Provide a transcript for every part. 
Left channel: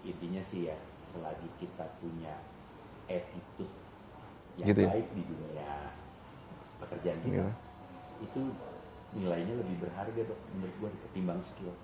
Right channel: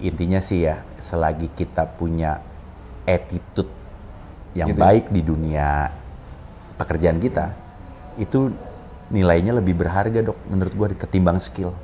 intinya sih ya, selagi kita punya attitude yang Gitu ya? baik di dunia pekerjaan kita, itu nilainya lebih berharga dok, menurut gua ketimbang skill.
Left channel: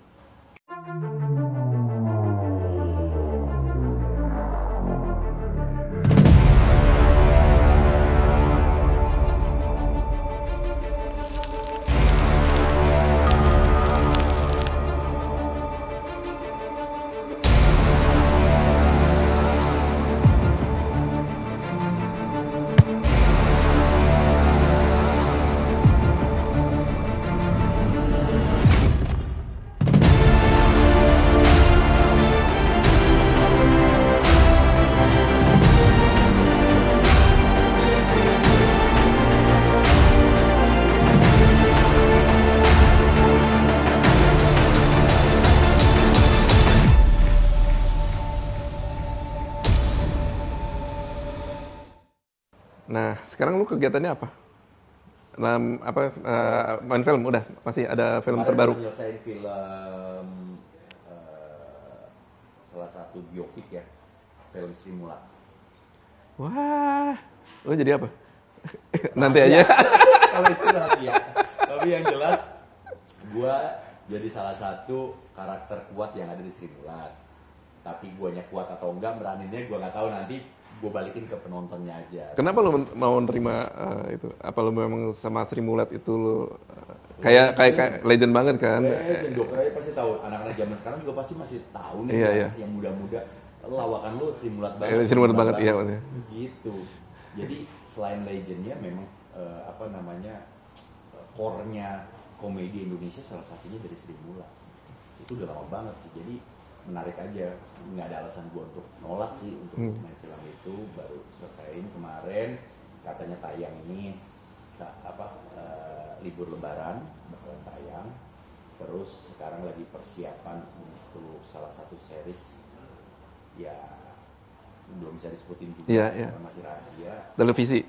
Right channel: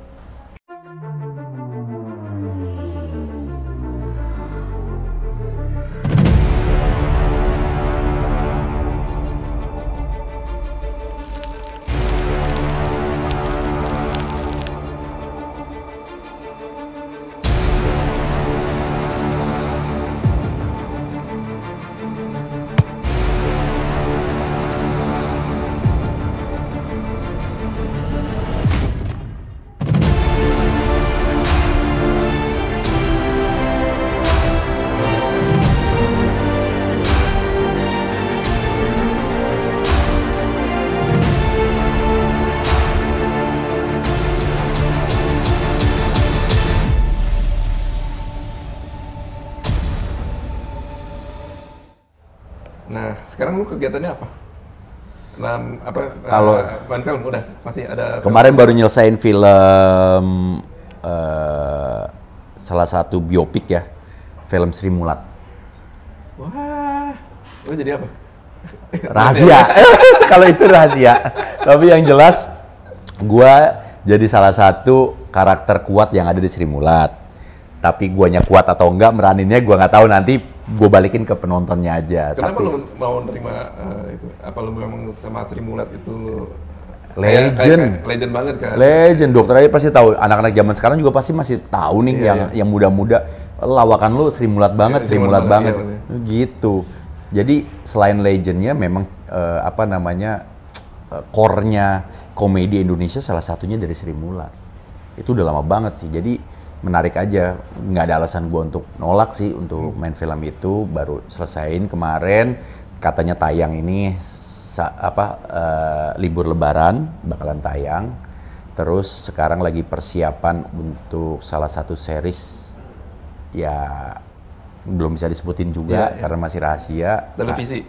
Nah, sekarang lu kegiatannya apa? Nah, Kalau- main film udah masih ada Kemarin film? baru nyelesain film salah satu biopik ya, film Sri Mulat. Wah, lu jadi apa? Rahasia. Kalau itu rahasia. Tapi yang jelas, gua jadi salah satu karakter kuat yang ada di Sri Mulat. Tapi guanya kuat atau enggak meraninnya gua nggak tahu, nanti gua balikin ke penontonnya aja. Kenapa Tapi lu mau nerima itu? Apa lu memang sama Sri Mulat itu lu Legend. kayak legend banget kan? Legend, dokter aja pasti tahu. Anak-anak zaman sekarang juga pasti masih tahu nih, Iya, yang muda-muda. Lawakan lu Sri Mulat banget, Iya, Sri Mulat banget. iya. Gitu. Jadi selain legendnya, memang core-nya komedi Indonesia salah satunya dari Sri Mulat. Itu udah lama banget sih. Jadi menarik aja. Nggak ada alasan gua untuk nolak sih untuk main film itu. Baru selesaiin kemarin. Katanya tayang ini libur Lebaran bakalan tayang. Terus sekarang lagi persiapan untuk salah satu series, ya belum bisa disebutin juga Iya. karena masih rahasia. Televisi?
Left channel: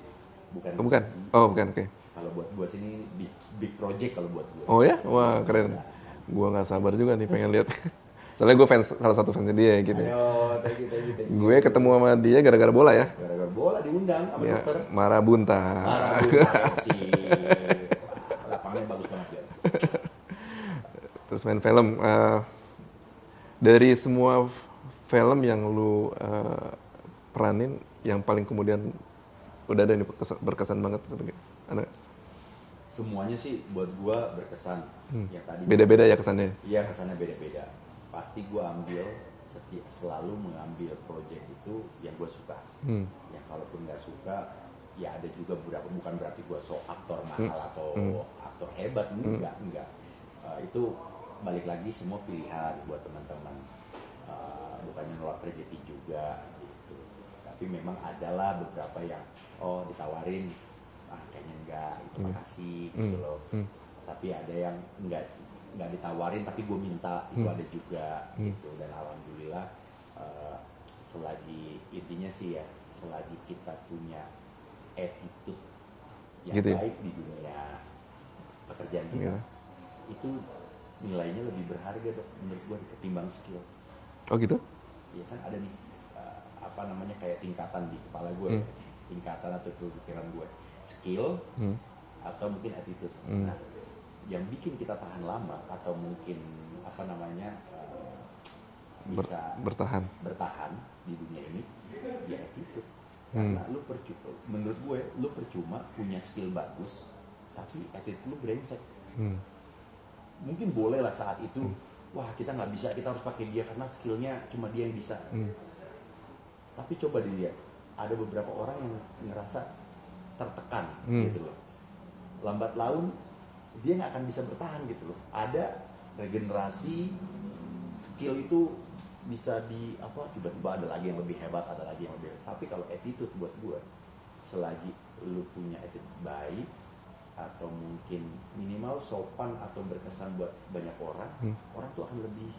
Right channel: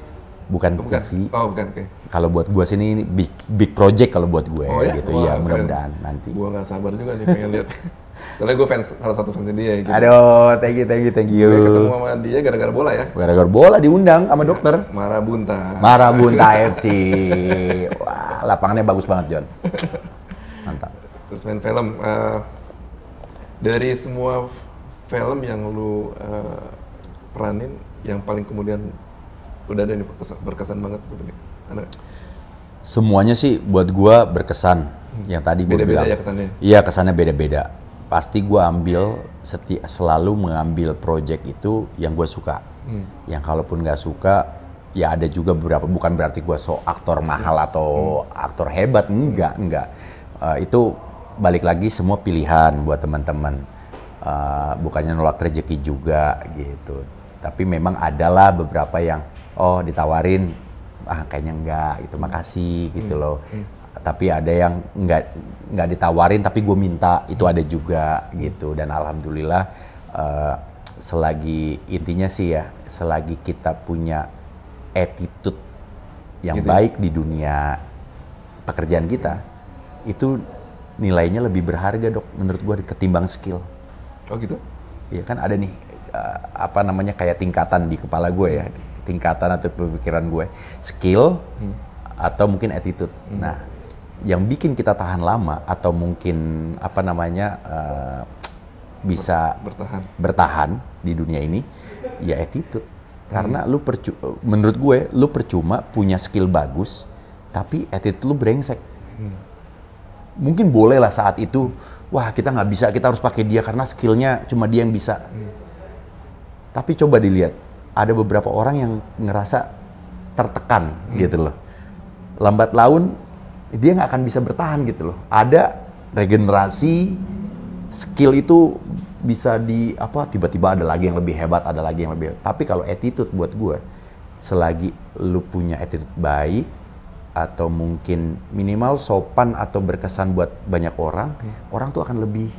Bukan Bukan? TV. Oh, bukan, oke. Kalau buat gue sih ini big project kalau buat gue. Oh ya? Gitu. Wah, Ya, keren. mudah-mudahan nanti. Gua nggak sabar juga nih pengen lihat. Soalnya gue salah satu fansnya dia gitu. Aduh, thank you. Gue ketemu sama dia gara-gara bola ya. Gara-gara bola diundang sama dokter. Marabunta. Marabunta FC. Wah, lapangannya bagus banget, John. Mantap. Terus main film. Dari semua film yang lu peranin, yang paling kemudian udah ada nih berkesan banget sebagai anak. Semuanya sih buat gua berkesan. Yang tadi gua Beda-beda bilang. ya kesannya? Iya, kesannya beda-beda. Pasti gua selalu mengambil project itu yang gua suka. Yang kalaupun nggak suka, ya ada juga beberapa, bukan berarti gua aktor mahal atau aktor hebat, enggak. Itu balik lagi semua pilihan buat teman-teman. Bukannya nolak rezeki juga gitu. Tapi memang adalah beberapa yang ditawarin, kayaknya enggak gitu, makasih gitu loh. Tapi ada yang enggak ditawarin tapi gue minta, itu ada juga gitu. Dan alhamdulillah intinya sih ya, selagi kita punya attitude yang Gitu ya? baik di dunia pekerjaan kita, itu nilainya lebih berharga dok, menurut gue ketimbang skill. Oh gitu? Ya kan ada nih kayak tingkatan di kepala gue ya, tingkatan atau pemikiran gue, skill atau mungkin attitude. Nah, yang bikin kita tahan lama atau mungkin bisa bertahan di dunia ini, ya attitude. Karena menurut gue lu percuma punya skill bagus tapi attitude lu brengsek. Mungkin boleh lah saat itu, wah kita nggak bisa, kita harus pakai dia karena skillnya cuma dia yang bisa. Tapi coba dilihat, ada beberapa orang yang ngerasa tertekan gitu loh. Lambat laun dia nggak akan bisa bertahan gitu loh. Ada regenerasi, skill itu bisa tiba-tiba ada lagi yang lebih hebat, ada lagi yang lebih hebat. Tapi kalau attitude buat gue, selagi lu punya attitude baik, atau mungkin minimal sopan atau berkesan buat banyak orang, orang tuh akan lebih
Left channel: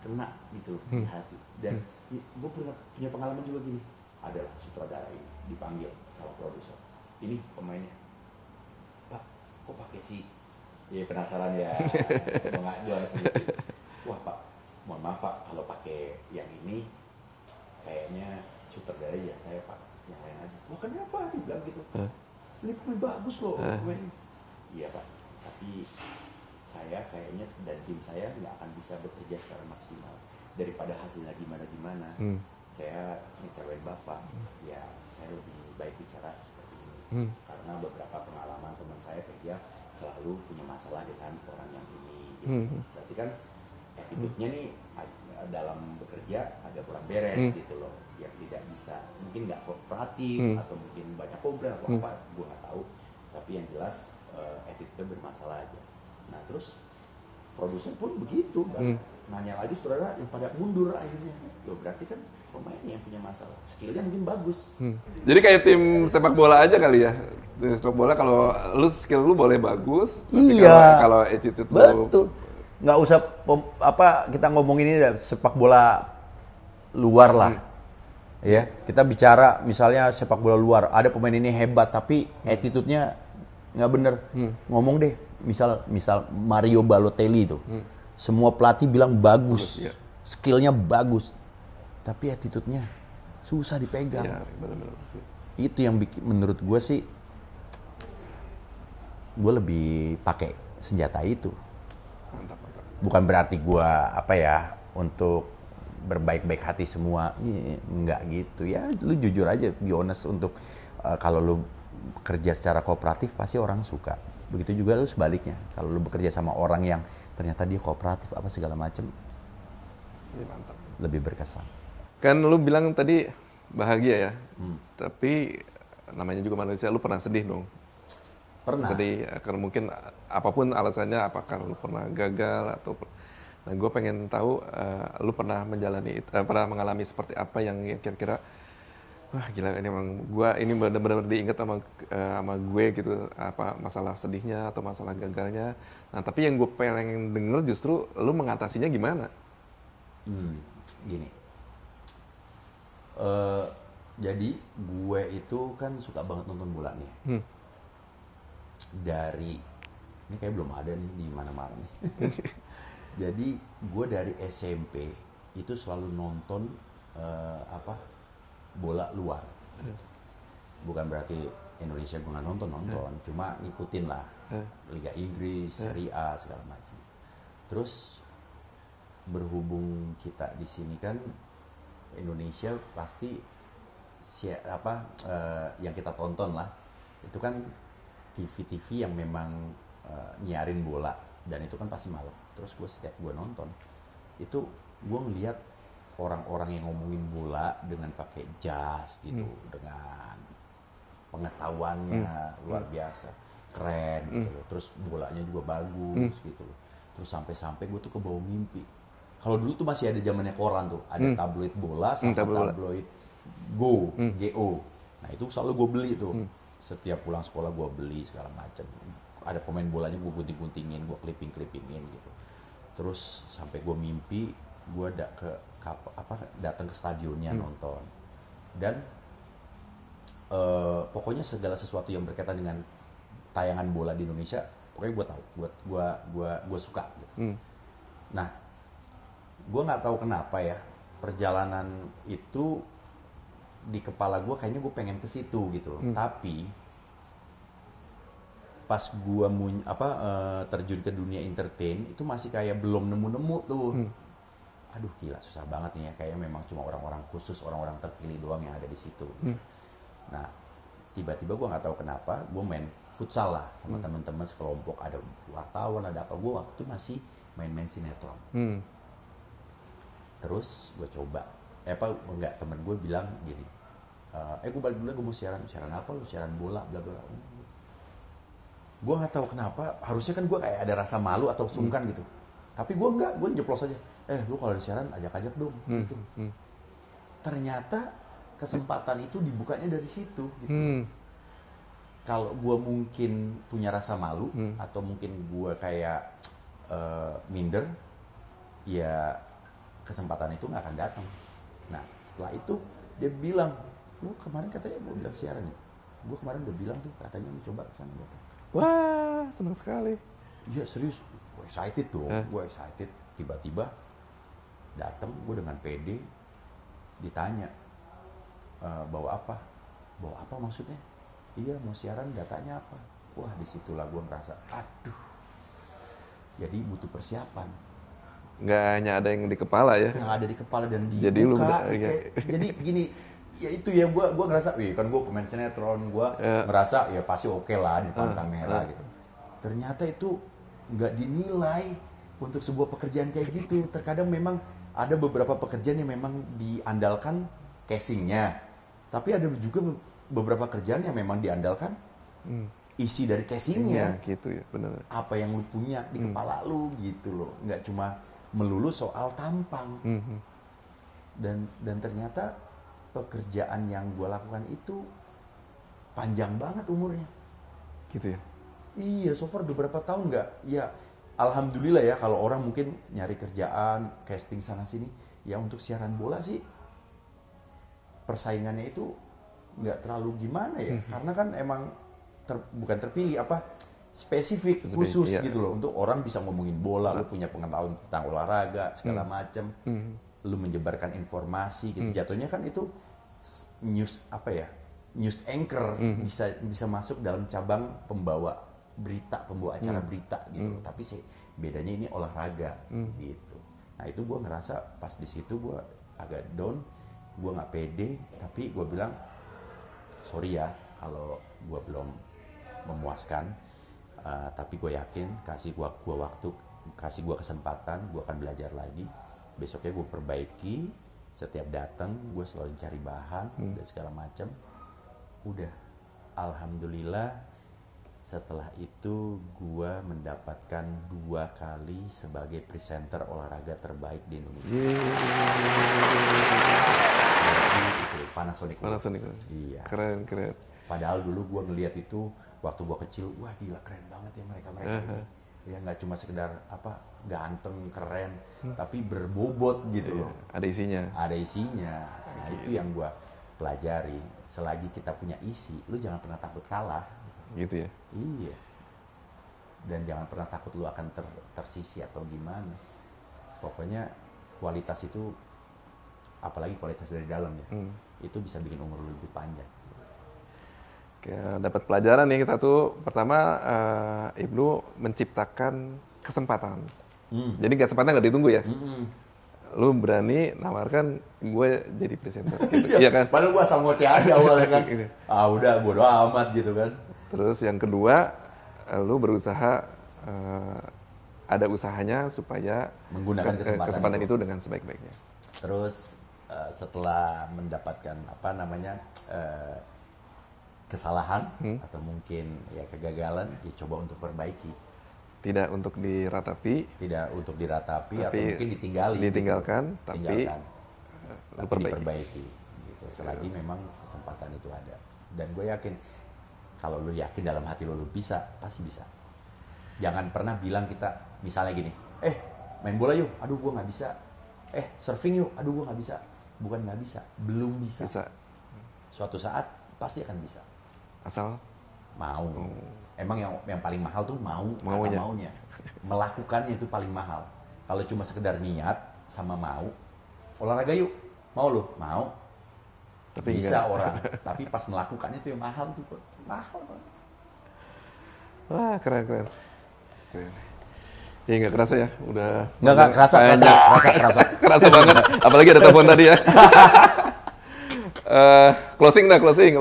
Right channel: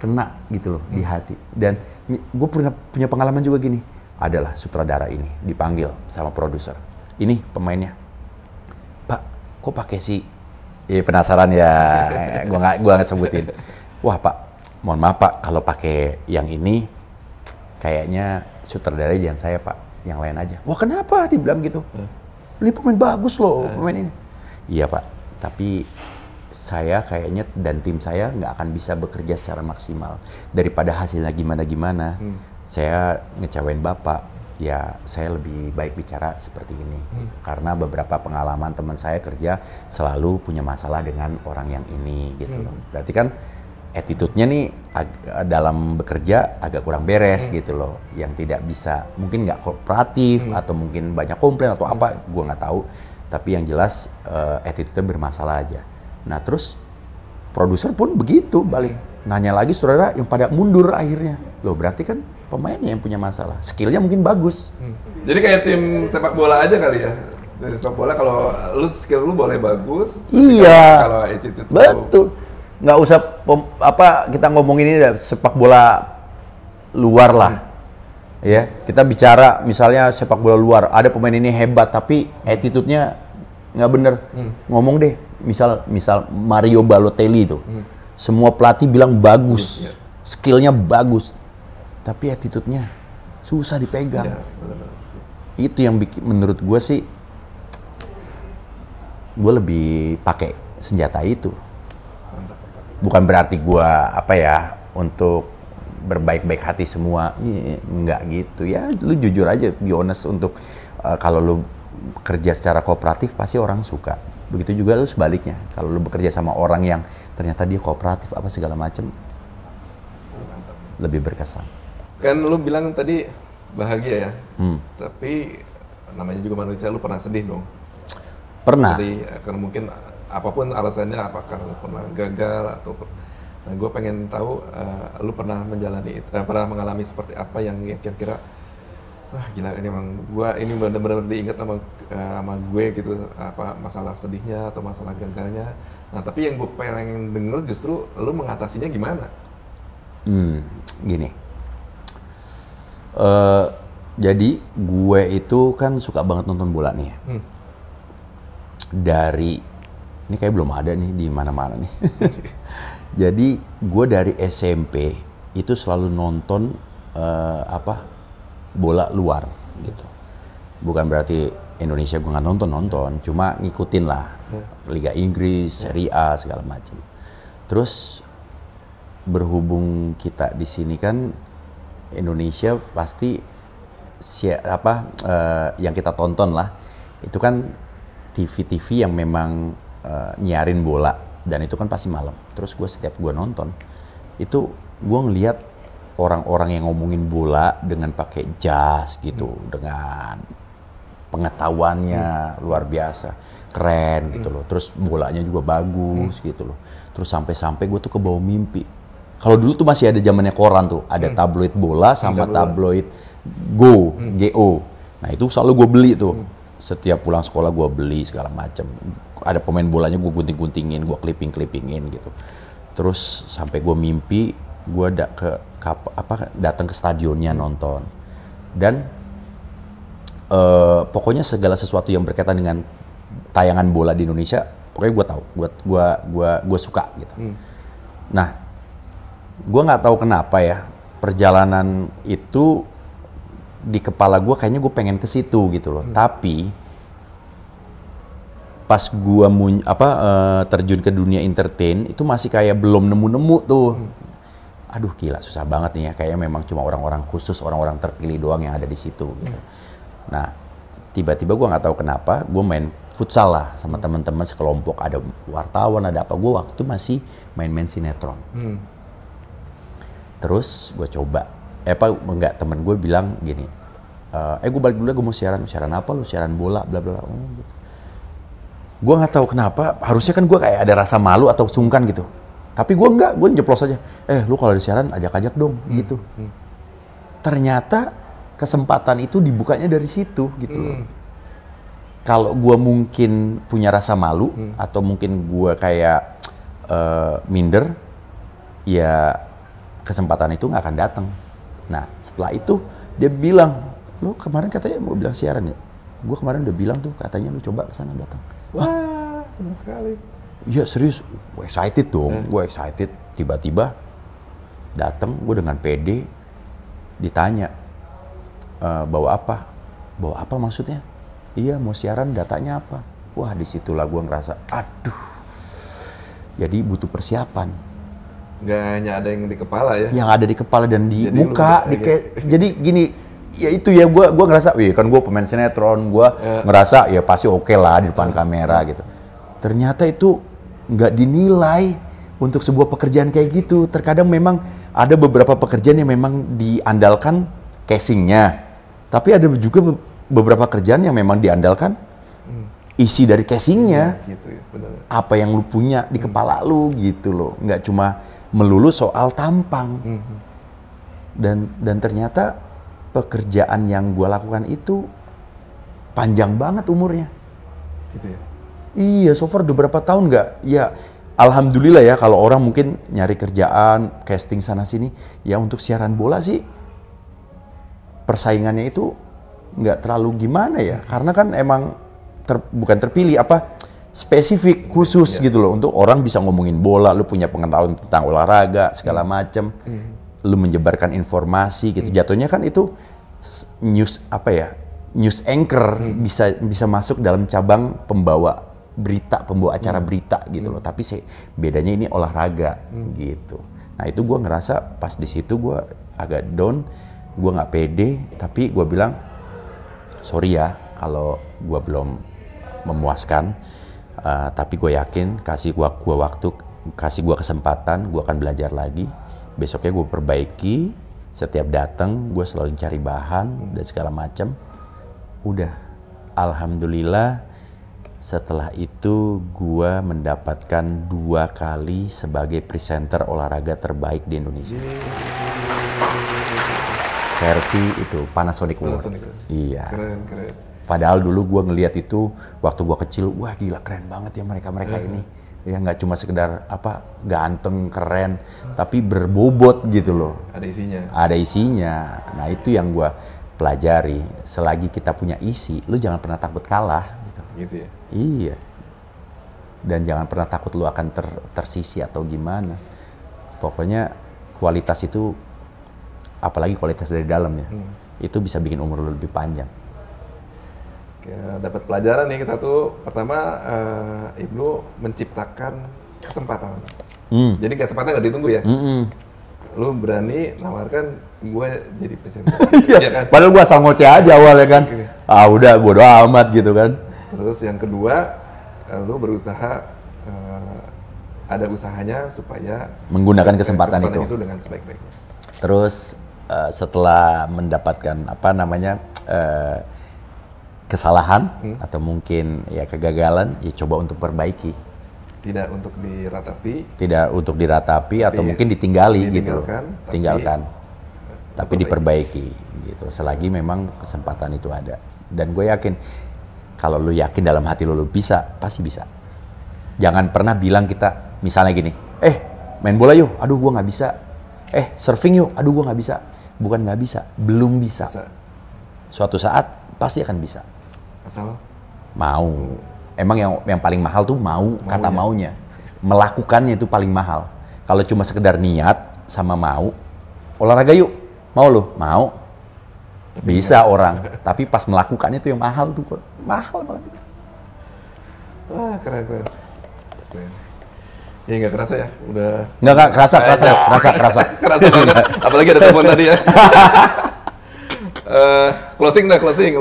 kena gitu loh di hati. Dan gue punya pengalaman juga gini, adalah sutradara ini dipanggil sama produser, ini pemainnya, Pak, kok pakai si, penasaran ya, gue nggak sebutin, wah Pak, mohon maaf Pak, kalau pakai yang ini kayaknya sutradara jangan saya Pak, yang lain aja. Wah kenapa? Dibilang gitu. Ini pemain bagus loh, pemain ini. Iya Pak, tapi saya kayaknya dan tim saya nggak akan bisa bekerja secara maksimal. Daripada hasilnya gimana-gimana, saya ngecewain Bapak, ya saya lebih baik bicara seperti ini. Karena beberapa pengalaman teman saya kerja selalu punya masalah dengan orang yang ini gitu. Berarti kan attitude-nya nih dalam bekerja agak kurang beres gitu loh. Yang tidak bisa, mungkin nggak kooperatif atau mungkin banyak komplain atau apa, gue nggak tahu. Tapi yang jelas attitude-nya bermasalah aja. Nah terus produser pun begitu balik. Nanya lagi saudara yang pada mundur akhirnya. Loh berarti kan pemainnya yang punya masalah. Skillnya mungkin bagus. Jadi kayak tim sepak bola aja kali ya? Tim sepak bola kalau lu skill lu boleh bagus, tapi kalau attitude lu... Betul. Nggak usah kita ngomongin ini sepak bola luar lah. Ya, kita bicara misalnya sepak bola luar, ada pemain ini hebat tapi attitude-nya nggak bener. Ngomong deh, misal Mario Balotelli itu. Semua pelatih bilang bagus, skillnya bagus, tapi attitude-nya susah dipegang. Ya, benar-benar sih. Itu yang bikin, menurut gue sih, gue lebih pakai senjata itu. Mantap, mantap. Bukan berarti gue untuk berbaik-baik hati semua, nggak gitu ya. Lu jujur aja, be honest untuk kalau lu kerja secara kooperatif pasti orang suka. Begitu juga lu sebaliknya. Kalau lu bekerja sama orang yang ternyata dia kooperatif apa segala macem, Ya, mantap. lebih berkesan. Kan lu bilang tadi bahagia ya, tapi namanya juga manusia, lu pernah sedih dong? Pernah. Sedih karena mungkin apapun alasannya, apakah lu pernah gagal atau... Nah, gue pengen tahu lu pernah pernah mengalami seperti apa yang kira-kira wah gila ini emang ini benar-benar diingat sama gue gitu, apa masalah sedihnya atau masalah gagalnya. Nah, tapi yang gue pengen denger justru lu mengatasinya gimana? Gini. Jadi gue itu kan suka banget nonton bola nih ya. Ini kayak belum ada nih di mana-mana nih. Jadi gue dari SMP itu selalu nonton bola luar gitu. Bukan berarti Indonesia gue nggak nonton, cuma ngikutin lah Liga Inggris, Serie A segala macam. Terus berhubung kita di sini kan Indonesia pasti yang kita tonton lah itu kan TV-TV yang memang nyiarin bola. Dan itu kan pasti malam. Terus setiap gue nonton, itu gue ngelihat orang-orang yang ngomongin bola dengan pakai jas gitu, dengan pengetahuannya luar biasa, keren gitu loh. Terus bolanya juga bagus gitu loh. Terus sampai-sampai gue tuh kebawa mimpi. Kalau dulu tuh masih ada zamannya koran tuh, ada tabloid bola sama tabloid Go. Nah itu selalu gue beli tuh. Setiap pulang sekolah gue beli segala macam. Ada pemain bolanya gue gunting-guntingin, gue clipping-clippingin gitu. Terus sampai gue mimpi, gue datang ke stadionnya nonton. Dan pokoknya segala sesuatu yang berkaitan dengan tayangan bola di Indonesia, pokoknya gue tahu, gue suka gitu. Nah, gue nggak tahu kenapa ya perjalanan itu di kepala gue kayaknya gue pengen ke situ gitu loh. Tapi pas gua terjun ke dunia entertain itu masih kayak belum nemu-nemu tuh. Aduh gila susah banget nih ya, kayaknya memang cuma orang-orang khusus, orang-orang terpilih doang yang ada di situ gitu. Nah, tiba-tiba gua nggak tahu kenapa gua main futsal lah sama teman-teman sekelompok, ada wartawan, ada apa. Gua waktu itu masih main-main sinetron. Terus gua coba temen gue bilang gini, gue balik dulu, gue mau siaran apa lu? Siaran bola bla bla. Gitu. Gue nggak tahu kenapa, harusnya kan gue kayak ada rasa malu atau sungkan gitu. Tapi gue nggak, gue jeplos aja. Lu kalau di siaran ajak-ajak dong gitu. Ternyata kesempatan itu dibukanya dari situ gitu. Kalau gue mungkin punya rasa malu atau mungkin gue kayak minder, ya kesempatan itu nggak akan datang. Nah setelah itu dia bilang, lu kemarin katanya mau bilang siaran ya? Gue kemarin udah bilang tuh katanya lu coba kesana datang. Wah, senang sekali. Iya serius, gue excited dong, gue excited. Tiba-tiba Datang gue dengan pede, ditanya, bawa apa? Bawa apa maksudnya? Iya mau siaran, datanya apa? Wah disitulah gue ngerasa, aduh, jadi butuh persiapan. Nggak hanya ada yang di kepala ya? Yang ada di kepala dan di Jadi muka. Jadi gini, ya itu ya gue ngerasa, wih kan gue pemain sinetron, gue ngerasa ya pasti oke lah di depan kamera gitu. Ternyata itu nggak dinilai untuk sebuah pekerjaan kayak gitu. Terkadang memang ada beberapa pekerjaan yang memang diandalkan casingnya, tapi ada juga beberapa kerjaan yang memang diandalkan isi dari casingnya. Ya, gitu ya, benar. Apa yang lu punya di kepala lu gitu loh, nggak cuma melulu soal tampang. Dan ternyata pekerjaan yang gue lakukan itu panjang banget umurnya. Gitu ya? Iya, so far udah berapa tahun nggak? Ya, alhamdulillah ya kalau orang mungkin nyari kerjaan, casting sana sini, ya untuk siaran bola sih persaingannya itu nggak terlalu gimana ya, karena kan emang bukan terpilih spesifik khusus gitu loh untuk orang bisa ngomongin bola, lu punya pengetahuan tentang olahraga segala macem, lu menyebarkan informasi gitu, jatuhnya kan itu news news anchor bisa masuk dalam cabang pembawa acara berita gitu loh, tapi bedanya ini olahraga gitu. Nah itu gue ngerasa pas di situ gue agak down, gue nggak pede, tapi gue bilang sorry ya kalau gue belum memuaskan, tapi gue yakin kasih gue waktu, kasih gue kesempatan, gue akan belajar lagi. Besoknya gue perbaiki, setiap datang gue selalu cari bahan dan segala macam. Udah, alhamdulillah. Setelah itu gue mendapatkan 2 kali sebagai presenter olahraga terbaik di Indonesia. Versi itu Panasonic World. Iya. Keren. Padahal dulu gue ngelihat itu waktu gue kecil, wah gila keren banget ya mereka ini. Ya nggak cuma sekedar ganteng keren, tapi berbobot gitu loh. Ada isinya. Ada isinya. Nah itu yang gue pelajari. Selagi kita punya isi, lu jangan pernah takut kalah. Gitu ya? Iya. Dan jangan pernah takut lu akan tersisi atau gimana. Pokoknya kualitas itu, apalagi kualitas dari dalam ya, itu bisa bikin umur lu lebih panjang. Dapat pelajaran nih kita tuh. Pertama, Ibnu menciptakan kesempatan. Jadi kesempatan nggak ditunggu ya? Lu berani nawarkan gue jadi presenter. Iya kan? Padahal gue asal ngoceh aja awalnya kan. Udah bodo amat gitu kan. Terus yang kedua, lu berusaha, ada usahanya supaya menggunakan kesempatan itu dengan sebaik-baiknya. Terus setelah mendapatkan kesalahan atau mungkin ya kegagalan, ya coba untuk perbaiki. Tidak untuk diratapi. Tidak untuk diratapi atau mungkin ditinggalkan. Tapi diperbaiki gitu. Selagi memang kesempatan itu ada. Dan gue yakin kalau lu yakin dalam hati lu bisa, pasti bisa. Jangan pernah bilang kita, misalnya gini, main bola yuk, aduh gua nggak bisa. Surfing yuk, aduh gua nggak bisa. Bukan nggak bisa, belum bisa. Suatu saat pasti akan bisa. Asal mau. Emang yang paling mahal tuh kata maunya. Melakukannya itu paling mahal. Kalau cuma sekedar niat sama mau, olahraga yuk, mau lu? Mau. Tapi bisa enggak. Orang, tapi pas melakukannya itu yang mahal tuh, mahal banget. Wah keren. Ya nggak kerasa ya, udah. Nggak kerasa. Kerasa banget, apalagi ada telepon tadi ya. Closing.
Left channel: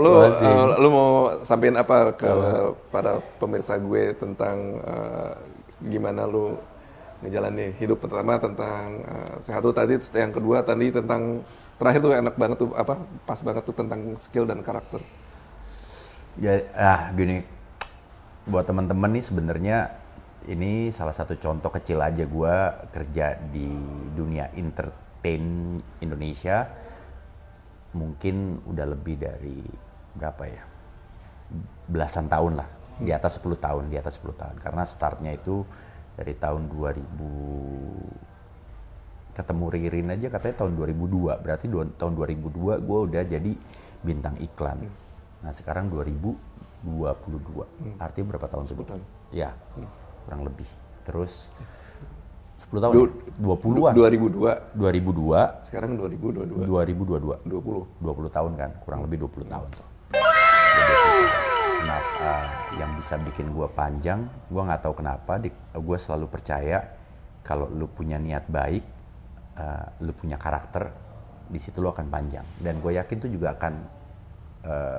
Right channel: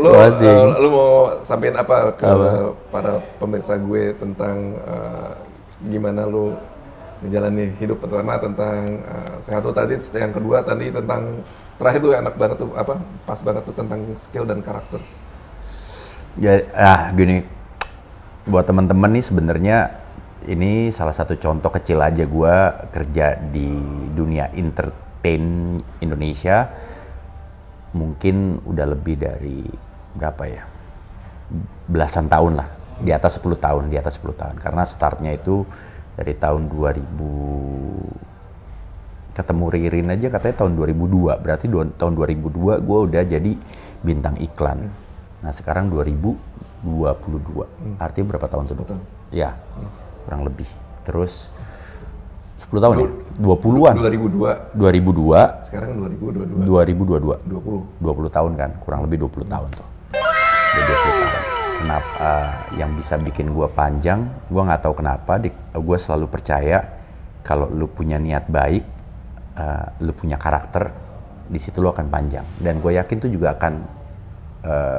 Lu mau sampein apa ke para pemirsa gue tentang gimana lu menjalani hidup? Pertama tentang sehat lu tadi, yang kedua tadi tentang terakhir tuh enak banget tuh pas banget tuh tentang skill dan karakter. Ya, gini, buat teman-teman nih sebenarnya ini salah satu contoh kecil aja gue kerja di dunia entertain Indonesia. Mungkin udah lebih dari berapa ya? Belasan tahun lah, di atas 10 tahun. Karena startnya itu dari tahun 2000. Ketemu Ririn aja katanya tahun 2002, berarti tahun 2002 gue udah jadi bintang iklan. Nah sekarang 2022, artinya berapa tahun? 10 tahun. Ya, kurang lebih. Terus 10 10 tahun ya? 20-an. 2002. 2002. Sekarang 2022. 2022. 20 tahun kan, kurang lebih 20 tahun tuh. Kenapa yang bisa bikin gue panjang, gue nggak tahu kenapa, gue selalu percaya kalau lu punya niat baik, lu punya karakter, di situ lu akan panjang. Dan gue yakin itu juga akan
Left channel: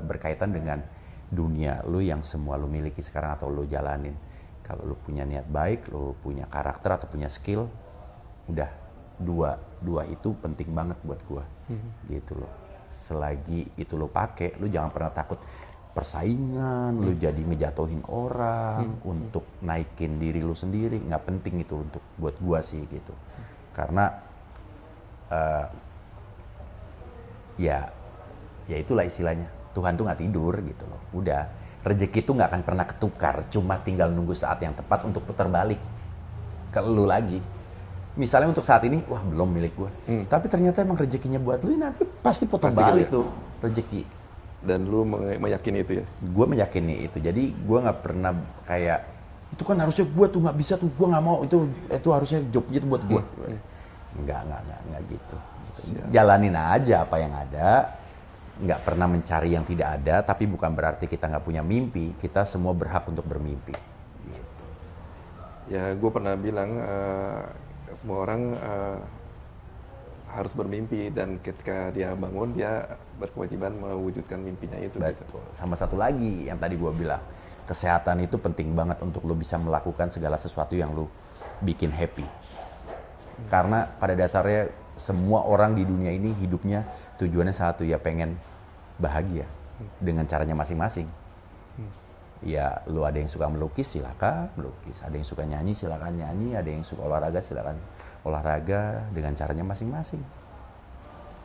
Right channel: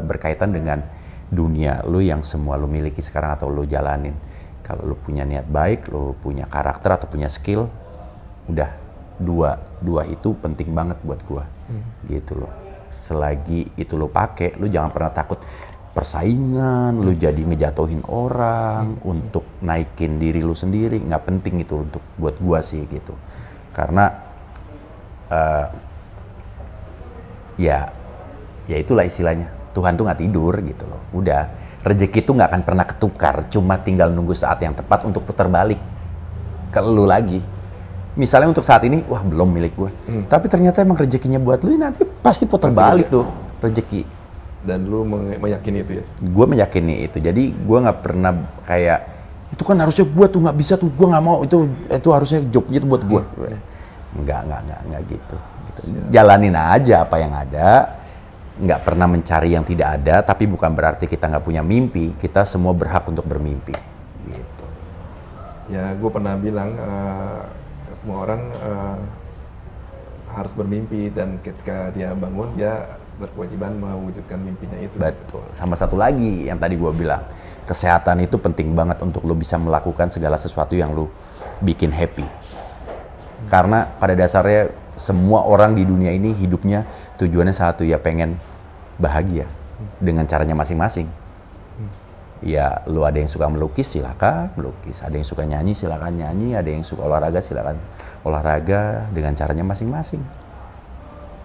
berkaitan dengan dunia lu yang semua lu miliki sekarang atau lu jalanin. Kalau lu punya niat baik, lu punya karakter atau punya skill, udah dua itu penting banget buat gua. Gitu loh. Selagi itu lu pakai, lu jangan pernah takut persaingan, lu jadi ngejatuhin orang untuk naikin diri lu sendiri, nggak penting itu untuk buat gua sih gitu. Karena ya itulah istilahnya. Tuhan tuh nggak tidur gitu loh. Udah, rezeki itu nggak akan pernah ketukar, cuma tinggal nunggu saat yang tepat untuk putar balik ke lu lagi. Misalnya untuk saat ini, wah belum milik gue. Tapi ternyata emang rezekinya buat lu, nanti pasti putar balik tuh rezeki. Dan lu meyakini itu ya? Gue meyakini itu. Jadi gue nggak pernah kayak, itu kan harusnya gue tuh nggak bisa tuh, gue nggak mau, itu harusnya jobnya tuh buat gue. Enggak gitu. Jalanin aja apa yang ada. Nggak pernah mencari yang tidak ada, tapi bukan berarti kita nggak punya mimpi. Kita semua berhak untuk bermimpi. Gitu. Ya, gue pernah bilang semua orang harus bermimpi, dan ketika dia bangun, dia berkewajiban mewujudkan mimpinya itu. Betul. Gitu. Sama satu lagi yang tadi gue bilang, kesehatan itu penting banget untuk lo bisa melakukan segala sesuatu yang lo bikin happy. Karena pada dasarnya semua orang di dunia ini hidupnya tujuannya satu, ya pengen bahagia dengan caranya masing-masing. Ya, lu ada yang suka melukis, silakan melukis. Ada yang suka nyanyi, silakan nyanyi. Ada yang suka olahraga, silakan olahraga dengan caranya masing-masing.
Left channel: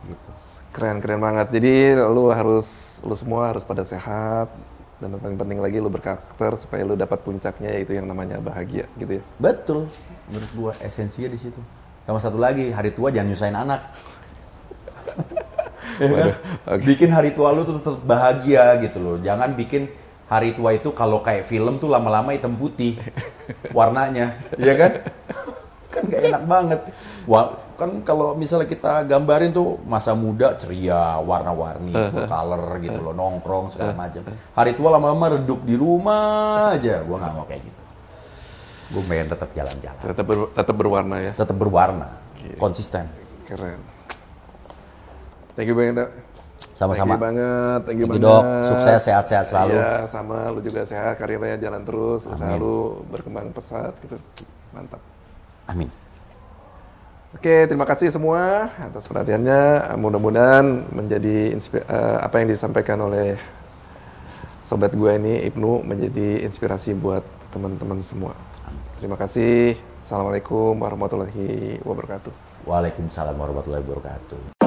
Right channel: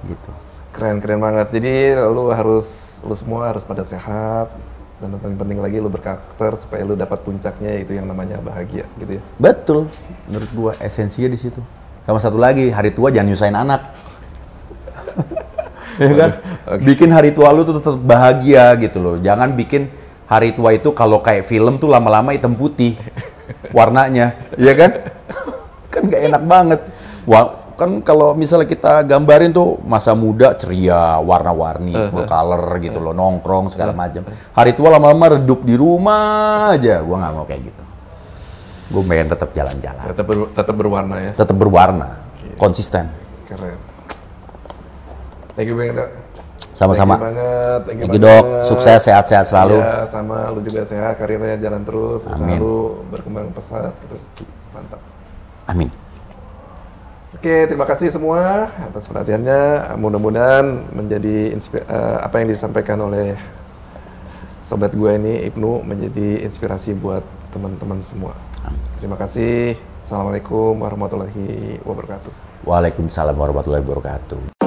Gitu. Keren banget. Jadi lu semua harus pada sehat, dan yang paling penting lagi lu berkarakter supaya lu dapat puncaknya, yaitu yang namanya bahagia, gitu ya. Betul. Menurut gua esensinya di situ. Sama satu lagi, hari tua jangan nyusahin anak. Ya kan? Bikin hari tua lu tuh tetap bahagia gitu loh. Jangan bikin hari tua itu kalau kayak film tuh lama-lama hitam putih warnanya, ya kan? Kan gak enak banget. Wah, kan kalau misalnya kita gambarin tuh masa muda ceria, warna-warni, full color gitu loh, nongkrong segala macam. Hari tua lama-lama redup di rumah aja. Gua nggak mau kayak gitu. Gue pengen tetap jalan-jalan. Tetap berwarna ya. Tetap berwarna, konsisten. Keren. Thank you banget, Dok. Sama-sama. Thank you banget. Dok. Sukses, sehat-sehat selalu. Ya, sama lu juga sehat, karirnya jalan terus, usaha lu berkembang pesat gitu. Mantap. Amin. Oke, terima kasih semua atas perhatiannya. Mudah-mudahan menjadi apa yang disampaikan oleh sobat gue ini, Ibnu, menjadi inspirasi buat teman-teman semua. Terima kasih. Assalamualaikum warahmatullahi wabarakatuh. Waalaikumsalam warahmatullahi wabarakatuh.